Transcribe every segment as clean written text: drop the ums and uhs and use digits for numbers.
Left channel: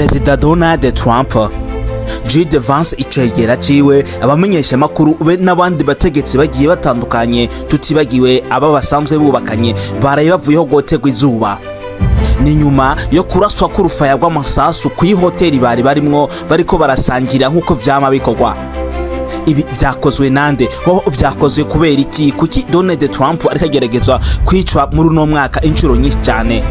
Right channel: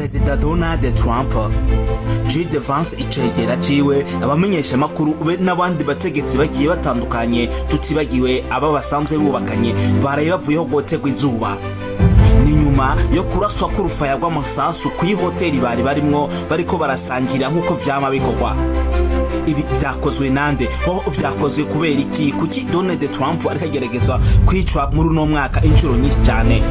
Prezida Donald Trump J.D. Vance icegera ciwe abamenyesha makuru be n'abandi bategetsi bagiye batandukanye tutibagiwe aba basanzwe bubakanye baraye bavuyeho gotegwa izuba ni nyuma yo kuraswa k'urufaya rw'amasasu ku hoteli bari barimwo bariko barasangira nk'uko vyama bikorwa. Ibi byakozwe nande ho byakozwe kubera iki kuki Donald Trump ariko ageragezwa kwicwa muri uno mwaka inshuro nyinshi cyane.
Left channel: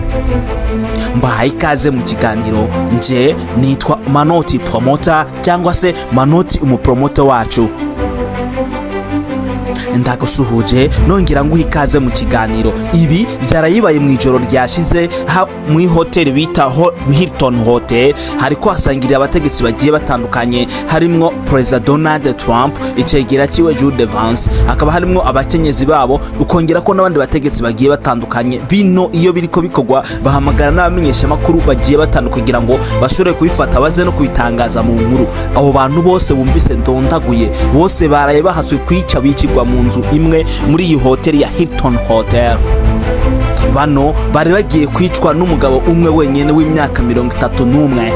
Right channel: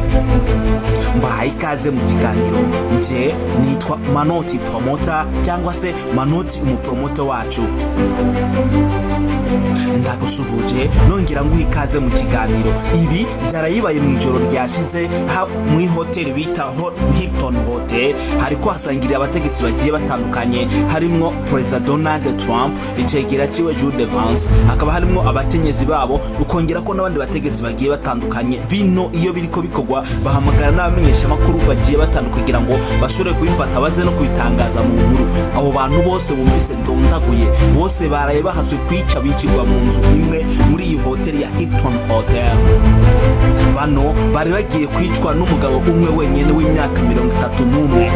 Mbahaye ikaze mu kiganiro, nje nitwa Manoti Promoter cyangwa se Manoti umupromoter wacu. Ndagusuhuje nongera nguha ikaze mu kiganiro. Ibi byarayibaye mu ijoro ryashize mu hoteli bita Hilton Hotel, hariko hasangiriye abategetsi bagiye batandukanye harimwo Prezida Donald Trump icegera ciwe J.D. Vance, hakaba harimwo abakenyezi babo, ukongera ko n'abandi bategetsi bagiye batandukanye. Bino iyo biriko bikorwa bahamagara n'abamenyesha makuru bagiye batandukanye kugira ngo bashobore kubifata baze no kubitangaza mu nkuru. Abo bantu bose bumvise ndondaguye, bose baraye bahatswe kwica bicirwa mu nzu imwe muri iyi hoteli ya Hilton Hotel. Bano bari bagiye kwicwa n'umugabo umwe wenyene w'imyaka 31,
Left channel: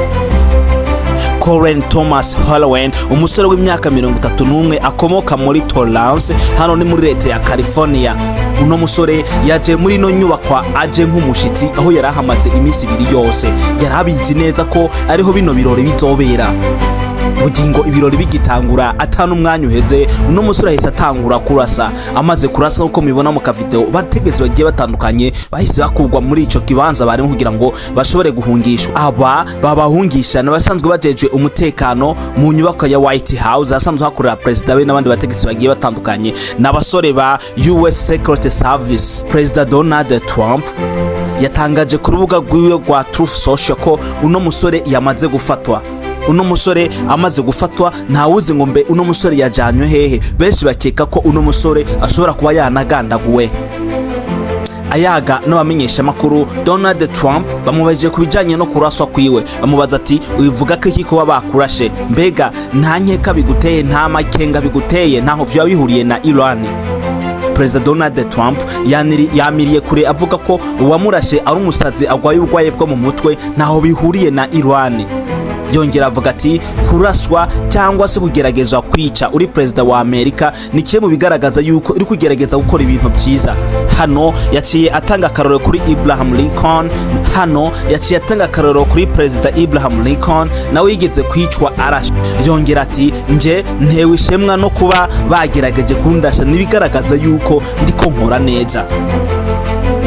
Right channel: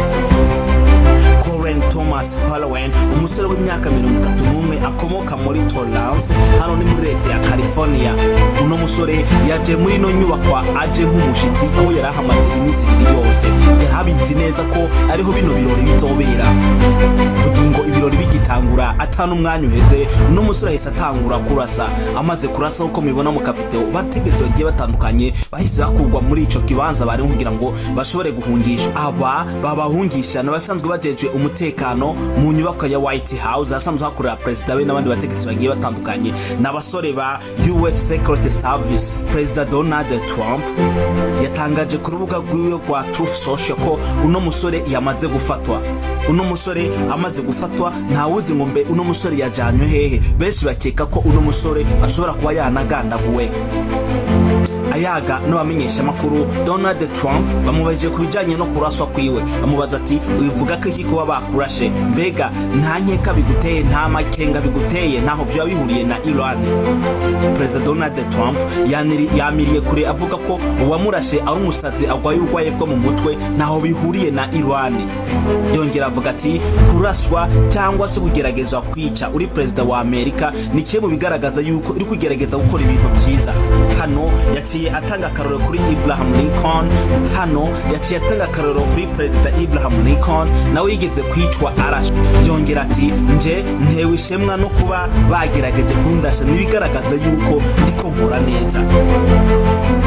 Colin Thomas Holloway, umusore w'imyaka 31 akomoka muri Torrance, hano ni muri leta ya California. Uno musore yaje muri no nyubakwa aje nk'umushitsi aho yarahamaze iminsi 2 yose. Yarabizi neza ko ariho bino birori bizobera. Bugingo ibirori bigitangura atanu umwanya uheze, uno musore ahise atangura kurasa. Amaze kurasa uko mibona mu akavideo, bategetse bagiye batandukanye bahise bakugwa muri ico kibanza barimo kugira ngo bashobore guhungisha. Aba babahungisha n'abasanzwe bajejwe umutekano mu nyubako ya White House asanzwe hakorera Prezida we n'abandi bategetsi bagiye batandukanye n'abasore ba US Secret Service. Prezida Donald Trump yatangaje ku rubuga rwiwe rwa Truth Social ko uno musore yamaze gufatwa. Uno musore amaze gufatwa ntawuzi ngo mbe uno musore yajanywe hehe. Benshi bakeka ko uno musore ashobora kuba yanagandaguwe. Ayaga n'abamenyesha makuru Donald Trump bamubaje kubijanye no kuraswa kwiwe, bamubaza ati uyivuga ko iki kuba bakurashe, mbega nta nkeka biguteye, nta makenga biguteye, ntaho vyo bihuriye na Iran? Prezida Donald Trump yamiriye kure avuga ko uwamurashe ari umusazi agwaye ubwaye bwo mu mutwe, ntaho bihuriye na Iran. Yongera avuga ati kuraswa cyangwa se kugeragezwa kwica uri Prezida wa Amerika ni kimwe mu bigaragaza yuko iri kugerageza gukora ibintu byiza. Hano yaciye atanga akaroro kuri Abraham Lincoln, hano yaciye atanga akaroro kuri Prezida Abraham Lincoln nawe yigeze kwicwa arashwe. Yongera ati nje ntewe ishemwa no kuba bagerageje kundasha, nibigaragaza yuko ndiko nkora neza.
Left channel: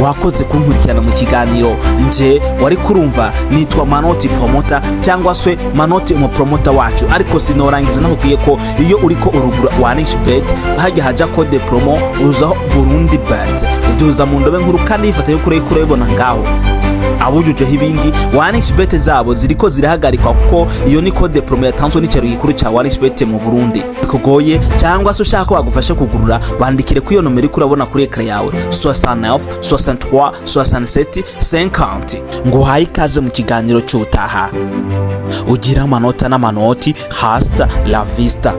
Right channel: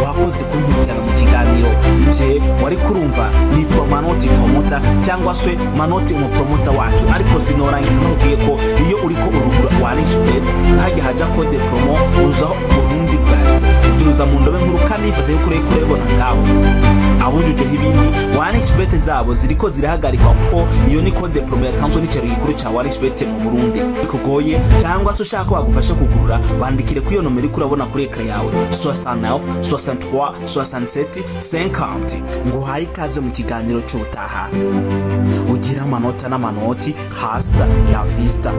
Wakoze kunkurikirana mu kiganiro, nje wari kurumva nitwa Manoti Promoter cyangwa se Manoti umupromoter wacu. Ariko sinorangiza nakubwiye ko iyo uriko urugura OneXBet hajya haja code promo uzaho Burundi bet uduza mu ndobe nkuru kandi ifata yo kurebona ngaho abujujeho ibindi. OneXBet zabo ziriko zirahagarikwa kuko iyo ni code promo yatanzwe n'icaro gikuru ca OneXBet mu Burundi. Kugoye cyangwa se ushaka wagufasha kugurura, bandikire ku iyo nomero kurabona kuri ekran yawe 69 63 67 50. ngo haye ikaze mu kiganiro cy'utaha. Ugira amanota n'amanoti, hasta la vista.